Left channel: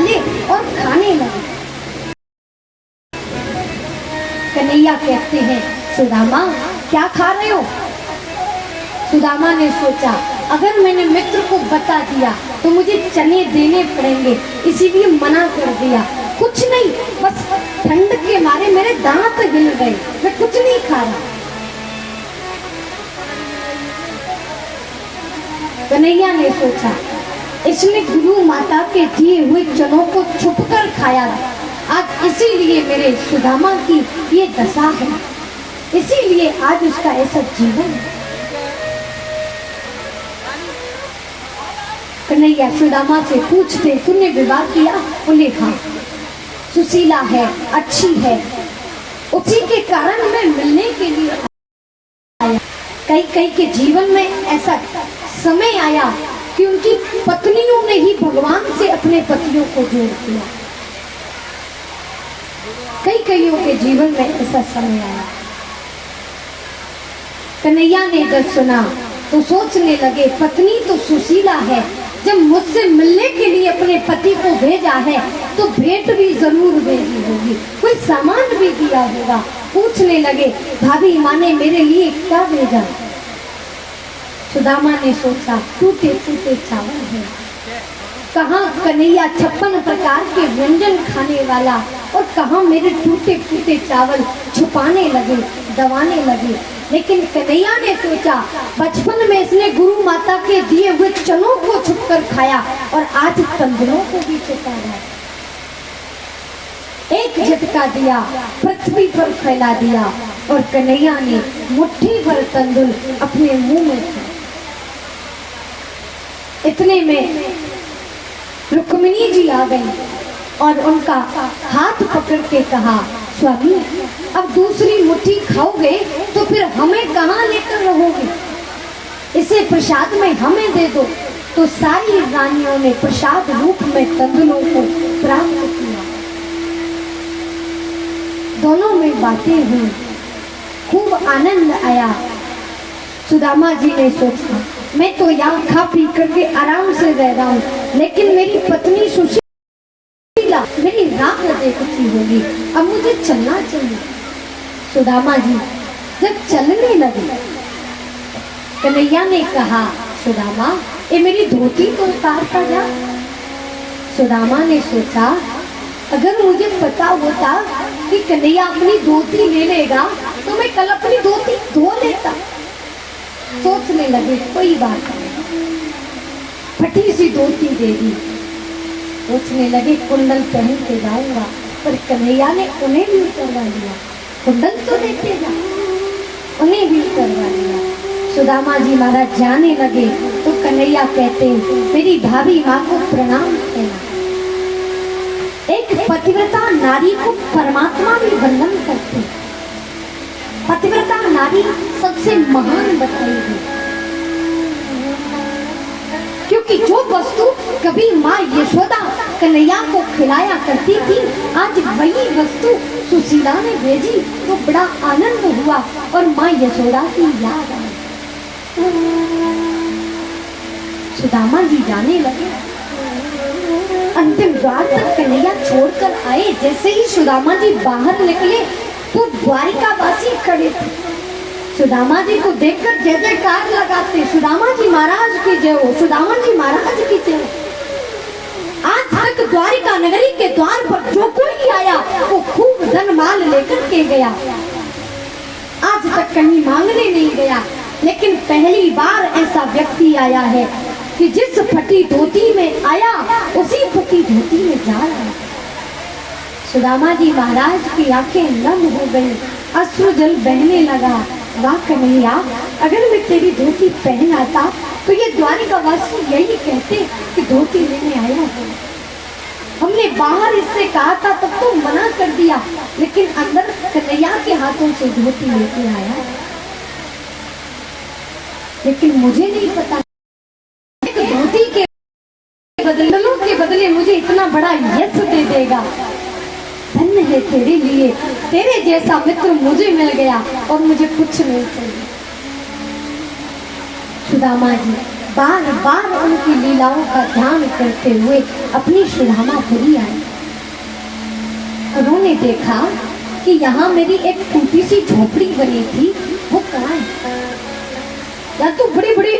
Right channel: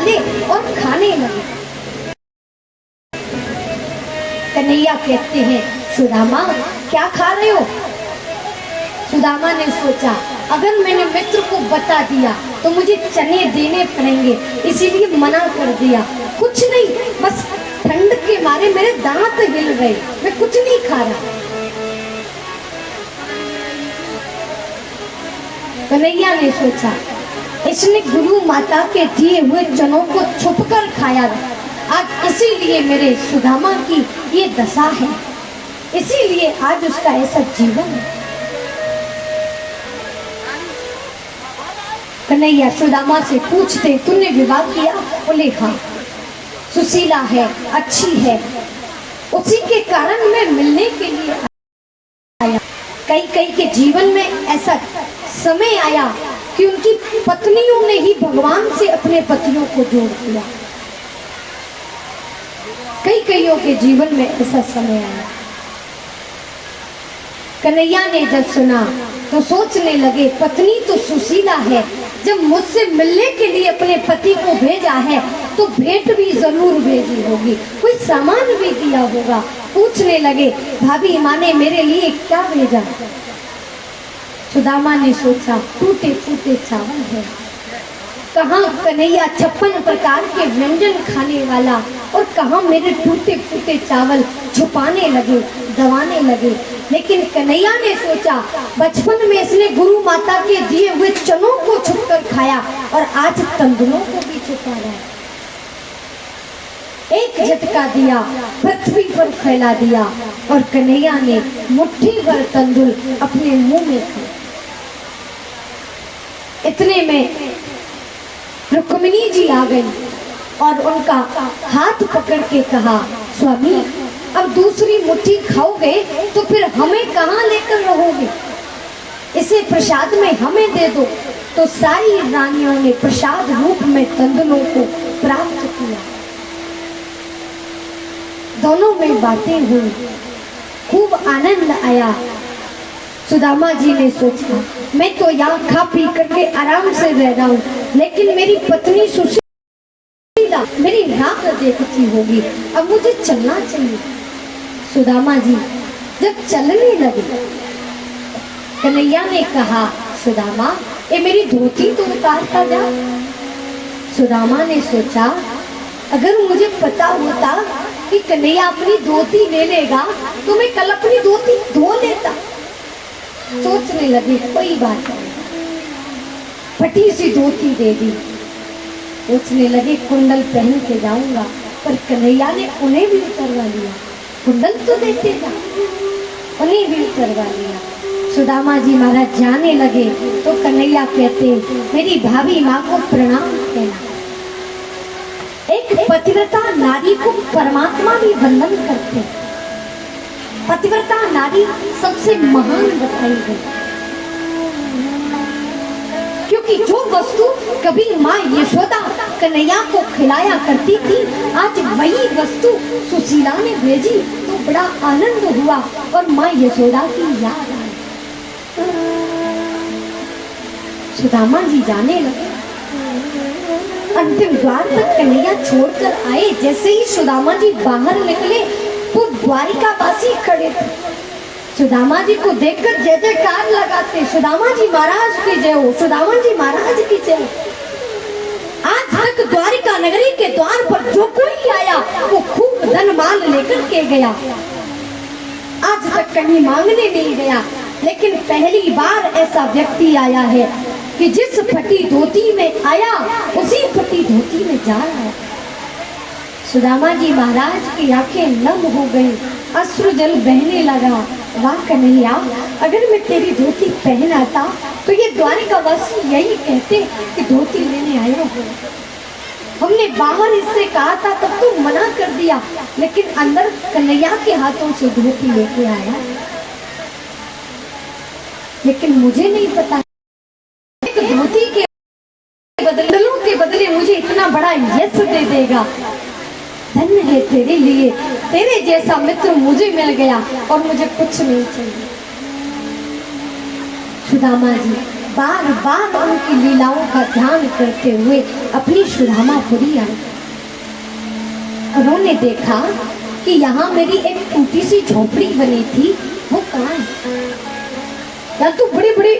डाले और खाने लगे। कन्हैया कहते हैं, सुदामा क्या खा रहे हो? सुदामा ने सोचा, अगर मैंने मित्र को बता दिया तो मुझे चने देने पड़ेंगे, इसीलिए मना कर दिया। कुछ नहीं, बस ठंड के मारे मेरे दांत हिल गए, मैं कुछ नहीं खा रहा। कन्हैया ने सोचा, इसने गुरु माता के दिए हुए चनों को छुपकर खाया था, आज इसीलिए मेरे सुदामा की ये दशा है, इसीलिए आज उसका ऐसा जीवन है। कन्हैया सुदामा से पूछते, तूने विवाह किया? बोले हाँ। सुशीला है, अच्छी है, उसी के कारण मैं मिलने के लिए आया। कई के जीवन में ऐसा समय आया कि उनकी पत्नियों ने ही भगवान से अपने पतियों को दूर किया। कईयों के जीवन में ऐसा समय आया। कन्हैया ने जब सुना तो सोचने लगे, पत्नी तो सुशीला है, जब मुझसे मिलने के लिए अपने पति को भेजा है तो भेंट भी जरूर भेजी होगी, कोई सामान भी दिया होगा। पूछने लगे, भाभी माँ ने मेरे लिए क्या भेजा? सुदामा ने सोचा, टूटे फूटे चावल है। कहाँ कन्हैया 56 प्रकार के व्यंजन खाने वाला, और कहाँ मेरे टूटे फूटे चावल छुपाने लगे, दबाने लगे। लेकिन कन्हैया ने सोचा, बचपन में इसने गुरु माता के दिए हुए चनों को छुपकर खाया और आज तंदुरों को भी छुपाया। एक झटका दिया, पृथ्वी पर फैला दिया और कन्हैया ने मुट्ठी भर तंदुर अपने मुंह में खाए। इतने में रुक्मिणी जी आ गई और उनका हाथ पकड़ के कहा, स्वामी अब दूसरी मुट्ठी खाओगे तो फिर हमें कहाँ लेकर रहोगे, इसे प्रसाद में हमें दे दो। तो सारी रानियों ने प्रसाद रूप में तंदुरों को प्राप्त किया। दोनों में बातें हुई, खूब आनंद आया। सुदामा जी ने सोचा, मैं तो यहाँ खा पी करके आराम से रह रहा हूँ, लेकिन मेरी पत्नी सुशीला मेरी राह देखती होगी, अब मुझे चलना चाहिए। सुदामा जी जब चलने लगे, कन्हैया ने कहा, सुदामा ये मेरी धोती तो उतारता जा। सुदामा ने सोचा, अगर मुझे पता होता कि कन्हैया अपनी धोती ले लेगा तो मैं कल अपनी धोती धो लेता। सोचने लगे, कोई बात नहीं, फटी सी धोती दे दी। सोचने लगे, कुंडल पहन के जाऊंगा, पर कन्हैया ने उन्हें भी उतरवा लिया। कुंडल तो देते जा, उन्हें भी उतरवा लिया। सुदामा जी महाराज जाने लगे तो कन्हैया कहते, मेरी भाभी माँ को प्रणाम देना। एक पतिव्रता नारी को परमात्मा भी वंदन करते। पतिव्रता नारी सबसे महान बताई गई, क्योंकि जो वस्तु कभी माँ यशोदा कन्हैया को खिलाया करती थी, आज वही वस्तु सुशीला ने भेजी तो बड़ा आनंद हुआ और माँ यशोदा की याद आई। सुदामा जी जाने लगे, अंतिम द्वार तक कन्हैया छोड़कर आए। जैसे ही सुदामा जी बाहर निकले तो द्वारिकावासी खड़े थे। सुदामा जी को देखकर जय जयकार लगाते, सुदामा जी महाराज की जय हो, सुदामा जी महाराज की जय। आज तक द्वारिका नगरी के द्वार पर जो कोई आया वो खूब धन माल लेकर के गया, आज तक कहीं मांगने नहीं गया। लेकिन पहली बार ऐसा व्यक्ति आया है कि जिस फटी धोती में आया उसी फटी धोती में जा रहा है। सुदामा जी महाराज की आंखें नम हो गई, अश्रु जल बहने लगा। वाह कन्हैया, अगर मैं तेरी धोती पहन आता तो ये द्वारिकावासी यही कहते कि धोती लेने आया हो। हमने बाहर इससे कहा था तब तो मना कर दिया, लेकिन अंदर कन्हैया के हाथों से धोती लेके आया। लेकिन मुझे नहीं पता धोती के बदले मुझे इतना बड़ा यश दे देगा। धन्य है तेरे लिए, तेरे जैसा मित्र मुझे मिल गया और मुझे कुछ नहीं चाहिए। सुदामा जी बार बार उनकी लीलाओं का ध्यान करते हुए अपनी सुदामापुरी आई। उन्होंने देखा कि यहाँ मेरी एक टूटी सी झोपड़ी बनी थी, वो कहाँ है? या तो बड़े बड़े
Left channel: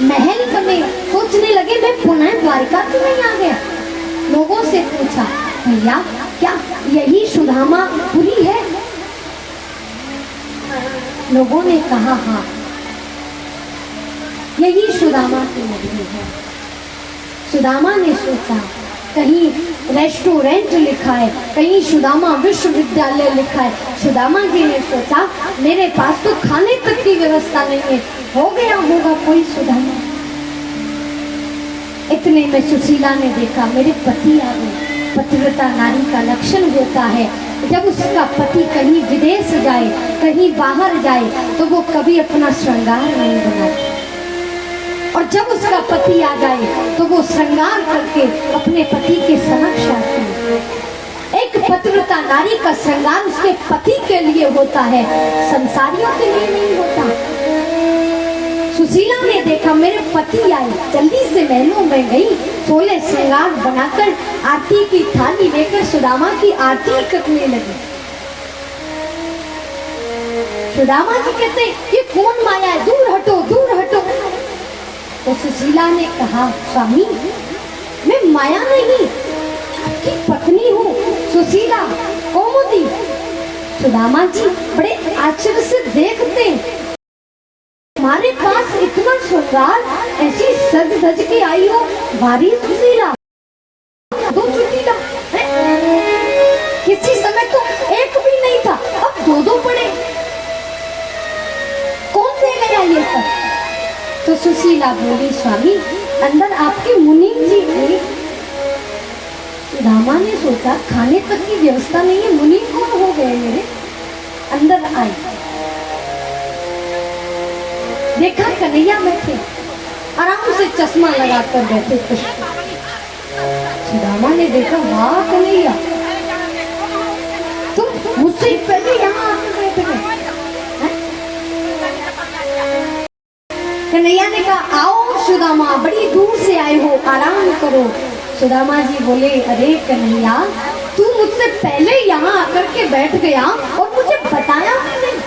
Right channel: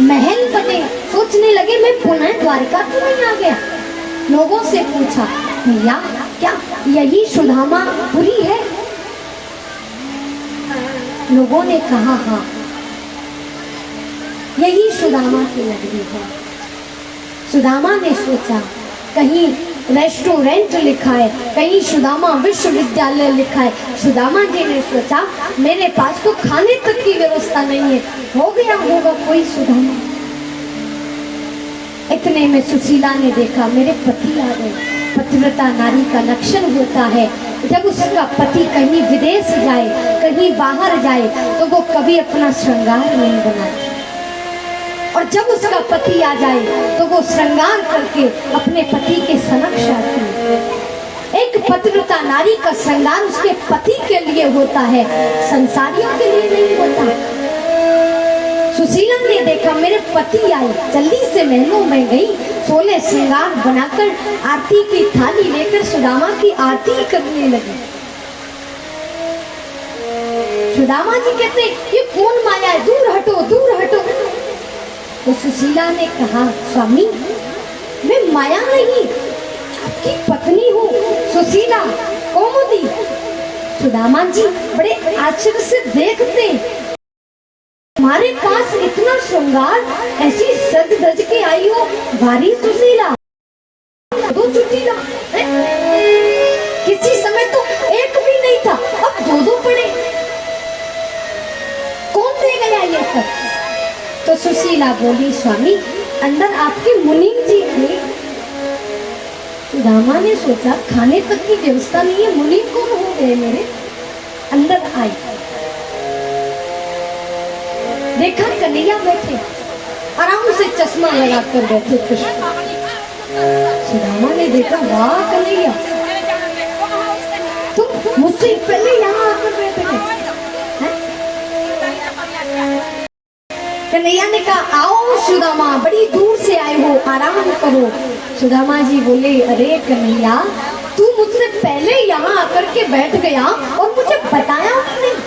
महल बने। सोचने लगे मैं पुनः द्वारका तो नहीं आ गया। लोगों से पूछा, भैया क्या यही सुदामापुरी है? लोगों ने कहा हाँ, यही सुदामा की नगरी है। सुदामा ने सोचा कहीं रेस्टोरेंट लिखा है, कहीं सुदामा विश्वविद्यालय लिखा है। सुदामा जी ने सोचा मेरे पास तो खाने तक की व्यवस्था नहीं है, हो गया होगा कोई सुदामा। इतने में सुशीला ने देखा मेरे पति आ गए। पतिव्रता नारी का लक्षण होता है जब उसका पति कहीं विदेश जाए, कहीं बाहर जाए, तो वो कभी अपना श्रृंगार नहीं बनाती, और जब उसका पति आ जाए तो वो श्रृंगार करके अपने पति के समक्ष आती है। एक पतिव्रता नारी का श्रृंगार उसके पति के लिए होता है, संसारियों के लिए नहीं होता। सुशीला ने देखा मेरे पति आए, जल्दी से महलों में गई, 16 श्रृंगार बनाकर आरती की थाली लेकर सुदामा की आरती करने लगी। सुदामा जी कहते ये कौन माया है, दूर हटो दूर हटो। तो सुशीला ने कहा स्वामी मैं माया नहीं, आपकी पत्नी हूँ, सुशीला कौमुदी। सुदामा जी बड़े आश्चर्य से देखते, हमारे पास इतना श्रृंगार, ऐसी सज धज के आई हो, भारी सुशीला, दो चुटीला है? किसी समय तो एक भी नहीं था, अब दो दो पड़े, कौन दे गया ये सब? तो सुशीला बोली स्वामी अंदर आपके मुनि जी थे। सुदामा ने सोचा खाने तक की व्यवस्था नहीं, मुनि कौन हो गए मेरे? अंदर आई, देखा कन्हैया बैठे, आराम से चश्मा लगाकर बैठे कृष्ण। सुदामा ने देखा वाह कन्हैया, तुम मुझसे पहले यहाँ आकर बैठे हैं। कन्हैया ने कहा आओ सुदामा, बड़ी दूर से आए हो, आराम करो। सुदामा जी बोले अरे कन्हैया तू मुझसे पहले यहाँ आकर के बैठ गया और मुझे बताया भी नहीं।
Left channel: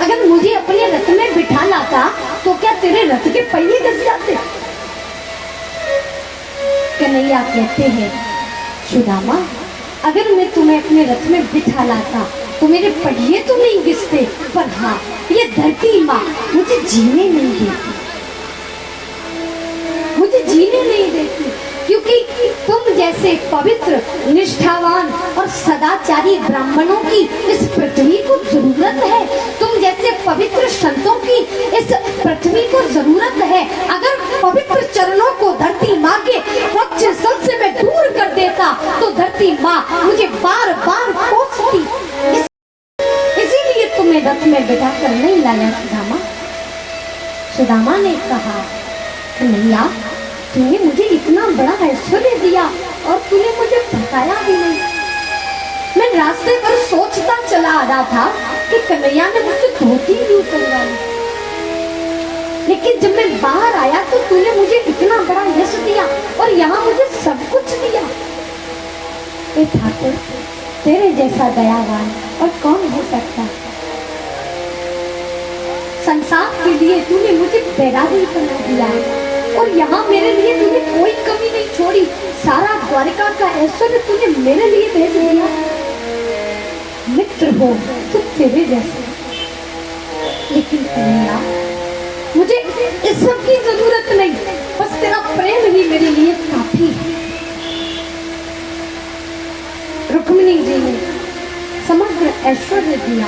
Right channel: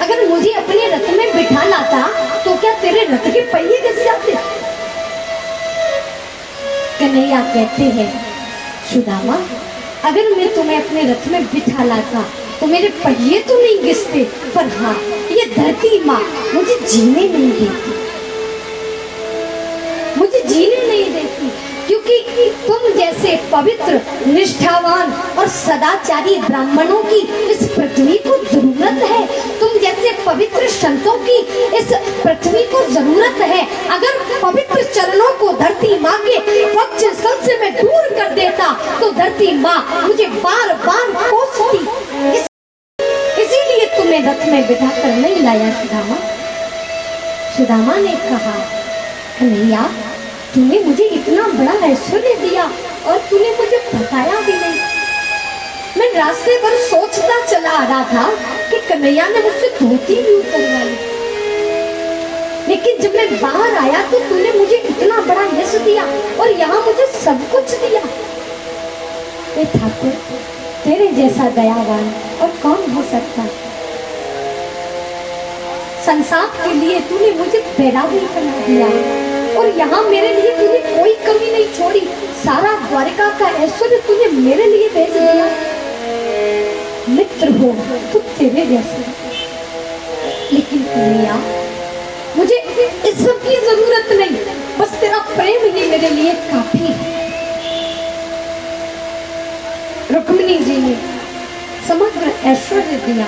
अगर मुझे अपने रथ में बिठा लाता तो क्या तेरे रथ के पहिए घस जाते? कन्हैया कहते हैं सुदामा अगर मैं तुम्हें अपने रथ में बिठा लाता तो मेरे पहिए तो नहीं घिसते, पर हाँ ये धरती माँ मुझे जीने नहीं देती, मुझे जीने नहीं देती, क्योंकि तुम जैसे पवित्र निष्ठावान और सदाचारी ब्राह्मणों की इस पृथ्वी को जरूरत है, तुम जैसे पवित्र संतों की इस पृथ्वी को जरूरत है। अगर पवित्र चरणों को धरती माँ के वक्ष स्थल से मैं दूर कर देता तो धरती माँ मुझे बार बार कोसती, इसीलिए तुम्हें रथ में बिठा कर नहीं लाया सुदामा। सुदामा ने कहा कन्हैया तूने मुझे इतना बड़ा ऐश्वर्य दिया और तूने मुझे बताया भी नहीं। मैं रास्ते पर सोचता चला आ रहा था कि कन्हैया ने मुझसे धोती भी उतरवा ली, लेकिन जब मैं बाहर आया तो तूने मुझे इतना बड़ा यश दिया और यहाँ मुझे सब कुछ दिया। ए ठाकुर तेरे जैसा दयावान और कौन हो सकता? संसार के लिए तूने मुझे बैरागी बना दिया और यहाँ मेरे लिए तूने कोई कमी नहीं छोड़ी, सारा द्वारका का ऐश्वर्य तूने मेरे लिए भेज दिया। मित्र हो तो तेरे जैसे, लेकिन कन्हैया मुझे इस सब की जरूरत नहीं, बस तेरा प्रेम ही मेरे लिए काफी है। रुक्मिणी जी ने समग्र ऐश्वर्य दिया।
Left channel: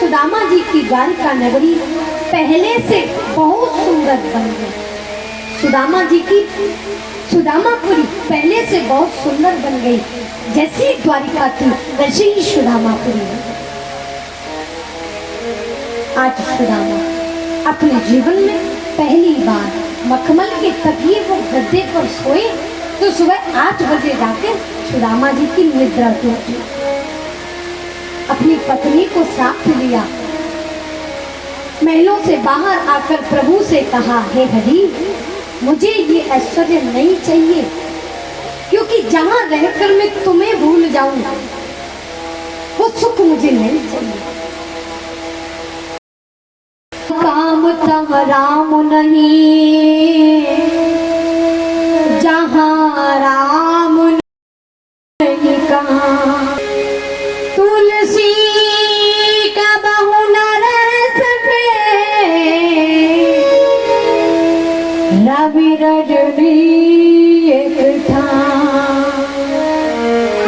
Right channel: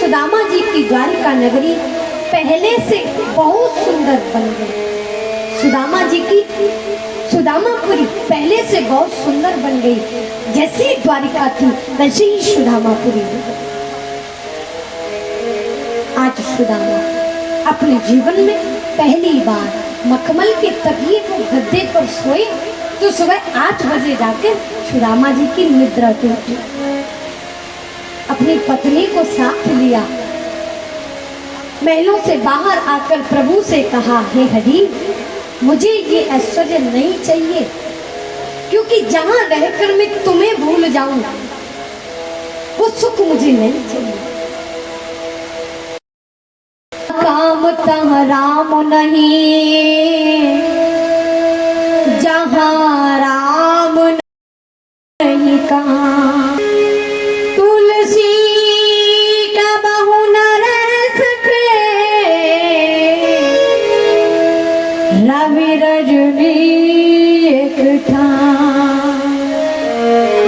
सुदामा जी की द्वारिका नगरी पहले से बहुत सुंदर बन गई। सुदामा जी की सुदामापुरी पहले से बहुत सुंदर बन गई, जैसी द्वारिका थी वैसे ही सुदामापुरी। आज सुदामा अपने जीवन में पहली बार मखमल के तकिए को गद्दे पर सोए तो सुबह 8 बजे जाकर सुदामा जी की निद्रा टूटी। अपनी पत्नी को साथ लिया, महलों से बाहर आकर प्रभु से कहा, हे हरि, मुझे ये ऐश्वर्य नहीं चाहिए, क्योंकि जहां रहकर मैं तुम्हें भूल जाऊं वो सुख मुझे नहीं चाहिए। काम तहाँ राम नहीं, जहां राम नहीं कहाँ, तुलसी का बहु न रह सके, रवि रजनी एक ठाम।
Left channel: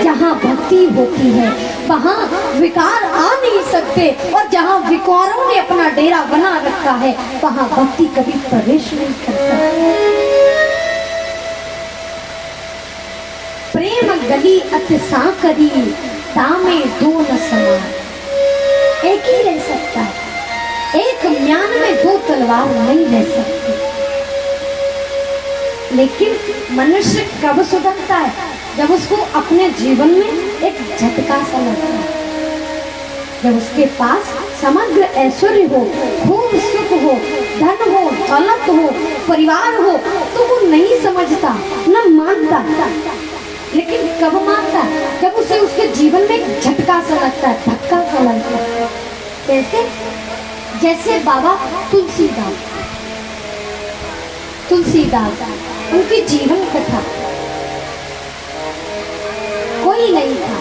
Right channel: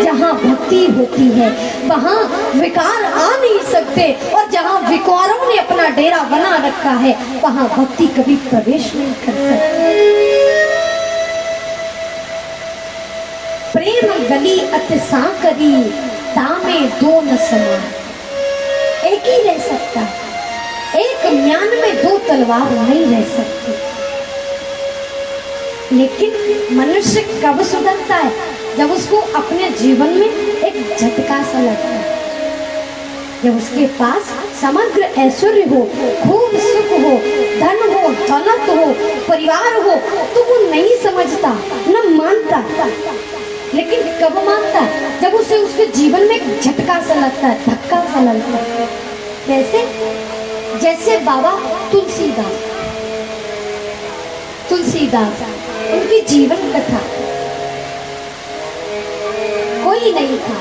जहाँ भक्ति होती है वहाँ विकार आ नहीं सकते, और जहाँ विकारों ने अपना डेरा बना रखा है वहाँ भक्ति कभी प्रवेश नहीं करता। प्रेम गली अतिसा करी, दामे दो न समान। एक ही रह सकता है, एक म्यान में दो तलवार नहीं रह सकती। लेकिन मनुष्य कब सुधरता है? जब उसको अपने जीवन में एक झटका सा लगता है, जब उसके पास समग्र ऐश्वर्य हो, खूब सुख हो, धन हो, दौलत हो, परिवार हो, तो वो नहीं समझता, न मानता। लेकिन कब मानता? जब उसे उसके जीवन में एक झटका सा लगता है, धक्का सा लगता है। कैसे? जैसे बाबा तुलसीदास, उनकी जीवन कथा। कोई नहीं था,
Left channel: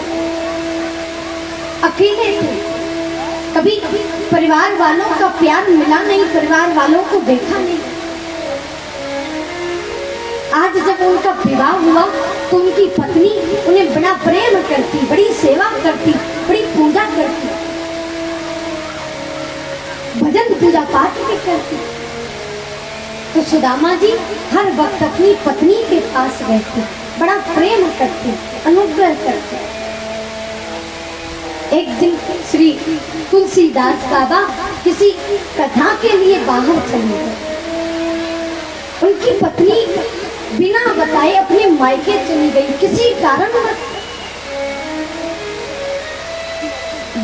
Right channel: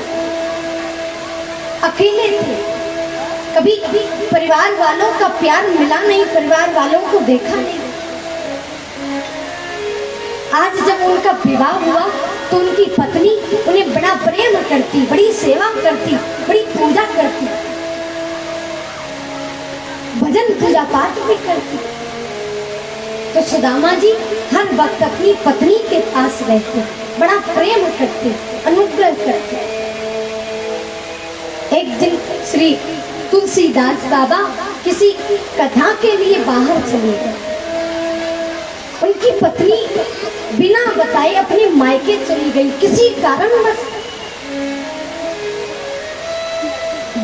अकेले थे, कभी परिवार वालों का प्यार मिला नहीं, परिवार वालों को देखा नहीं। आज जब उनका विवाह हुआ तो उनकी पत्नी उन्हें बड़ा प्रेम करती, बड़ी सेवा करती, बड़ी पूजा करती, भजन पूजा पाठ भी करती। तो सुदामा जी हर वक्त अपनी पत्नी के पास रहते, बड़ा प्रेम करते, अनुग्रह करते। एक दिन श्री तुलसीदास बाबा किसी कथा के लिए बाहर चले गए। उनकी पत्नी बिना बताए अपने मायके चली गई किसी कारणवश।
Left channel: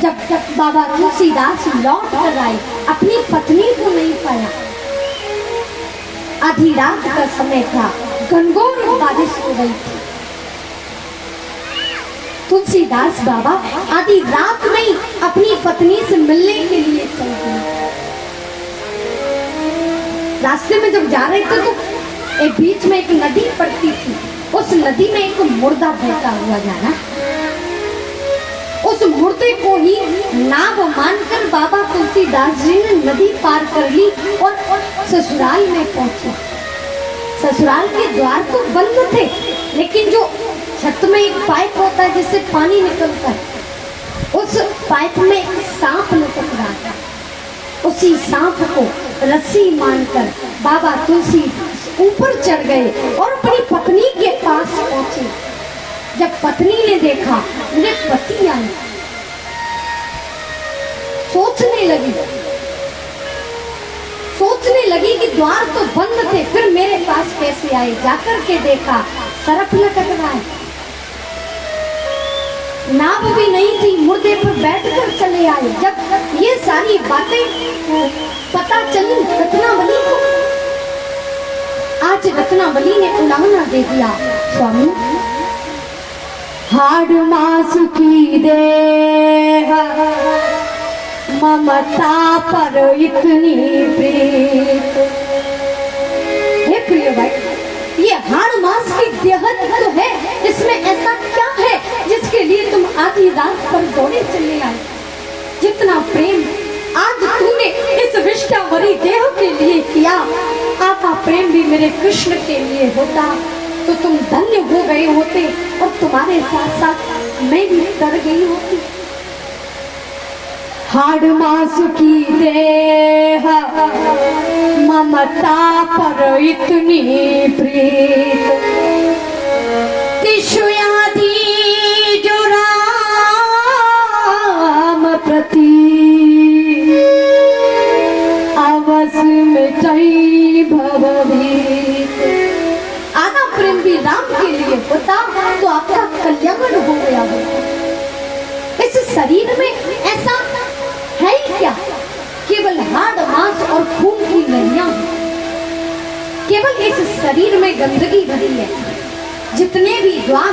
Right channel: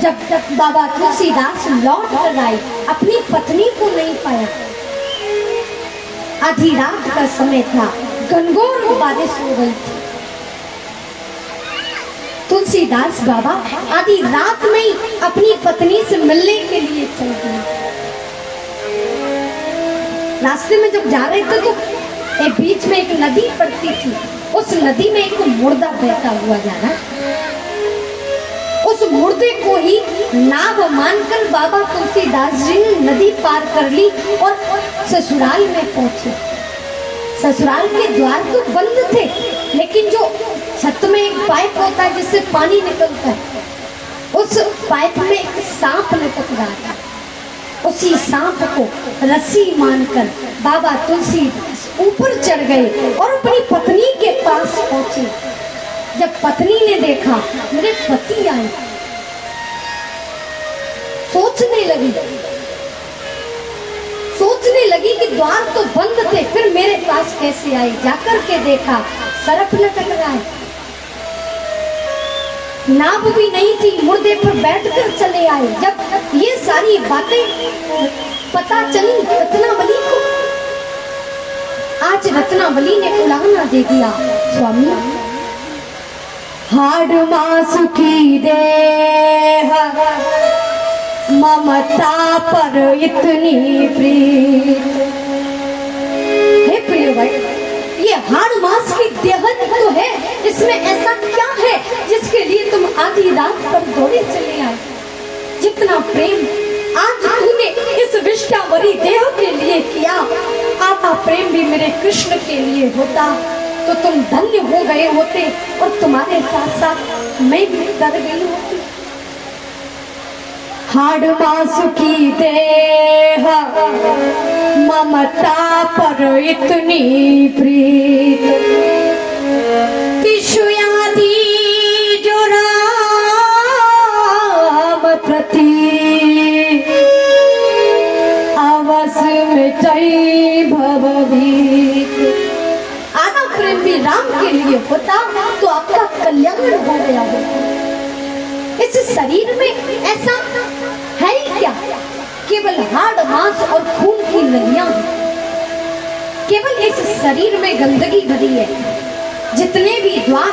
जब बाबा तुलसीदास लौट कर आए, अपनी पत्नी को नहीं पाया। आधी रात का समय था, घनघोर बारिश हो गई थी। तुलसीदास बाबा आधी रात में ही अपनी पत्नी से मिलने के लिए चल गए। रास्ते में जब जा रहे थे तो एक बीच में एक नदी पड़ती थी, उस नदी में एक मुर्दा बहता हुआ जा रहा। उस मुर्दे को ही नाव मानकर बाबा तुलसीदास जी ने नदी पार कर ली और ससुराल में पहुंचे। ससुराल के द्वार तो बंद थे, लेकिन जो छत में एक पाइप होता है जिससे पानी निकलता है, उस पाइप में एक सांप लटक रहा था। उसी सांप को रस्सी मानकर बाबा तुलसीदास ऊपर चढ़ गए और अपनी पत्नी के पास पहुंचे। जब पत्नी ने देखा मेरे पति आए, सोचने लगी कि द्वार तो बंद थे, फिर मेरे पास कैसे आए। जाकर के देखा सरफ लटक रहा है, नाव भी नहीं थी, मुर्दे पर बैठकर चले आए। जब ये सारी बातें पता चली रत्नावली को, आज रत्नावली ने उलाहना दे दिया, स्वामी हाड़ मास की देह ममता पर इतनी प्रीत। हे प्रिय भाई, ये हाड़ मास की देह तो है, इसमें ऐसा क्या है जिसके लिए तुम आधी रात पर दौड़े चले आए? जितना प्रेम आज तूने इस विष्टावरी देह के लिए किया, आधा प्रेम भी मेरे कृष्ण के लिए होता तो तुम धन्य हो गए होते, और तुम्हारे साथ साथ मैं भी डर गई होती। हाड़ मास की देह ममता पर इतनी प्रीत, तिषुयादि जो राम प्रति अवश्य मिटई भवभीत। आधा प्रेम भी राम के लिए होता तो आपका कल्याण हो गया होता। इस शरीर में ऐसा है ही क्या? केवल हाड़ रक्त मांस और खून की नदियां हैं। केवल इस शरीर में गंदगी भरी है। जितने भी द्वार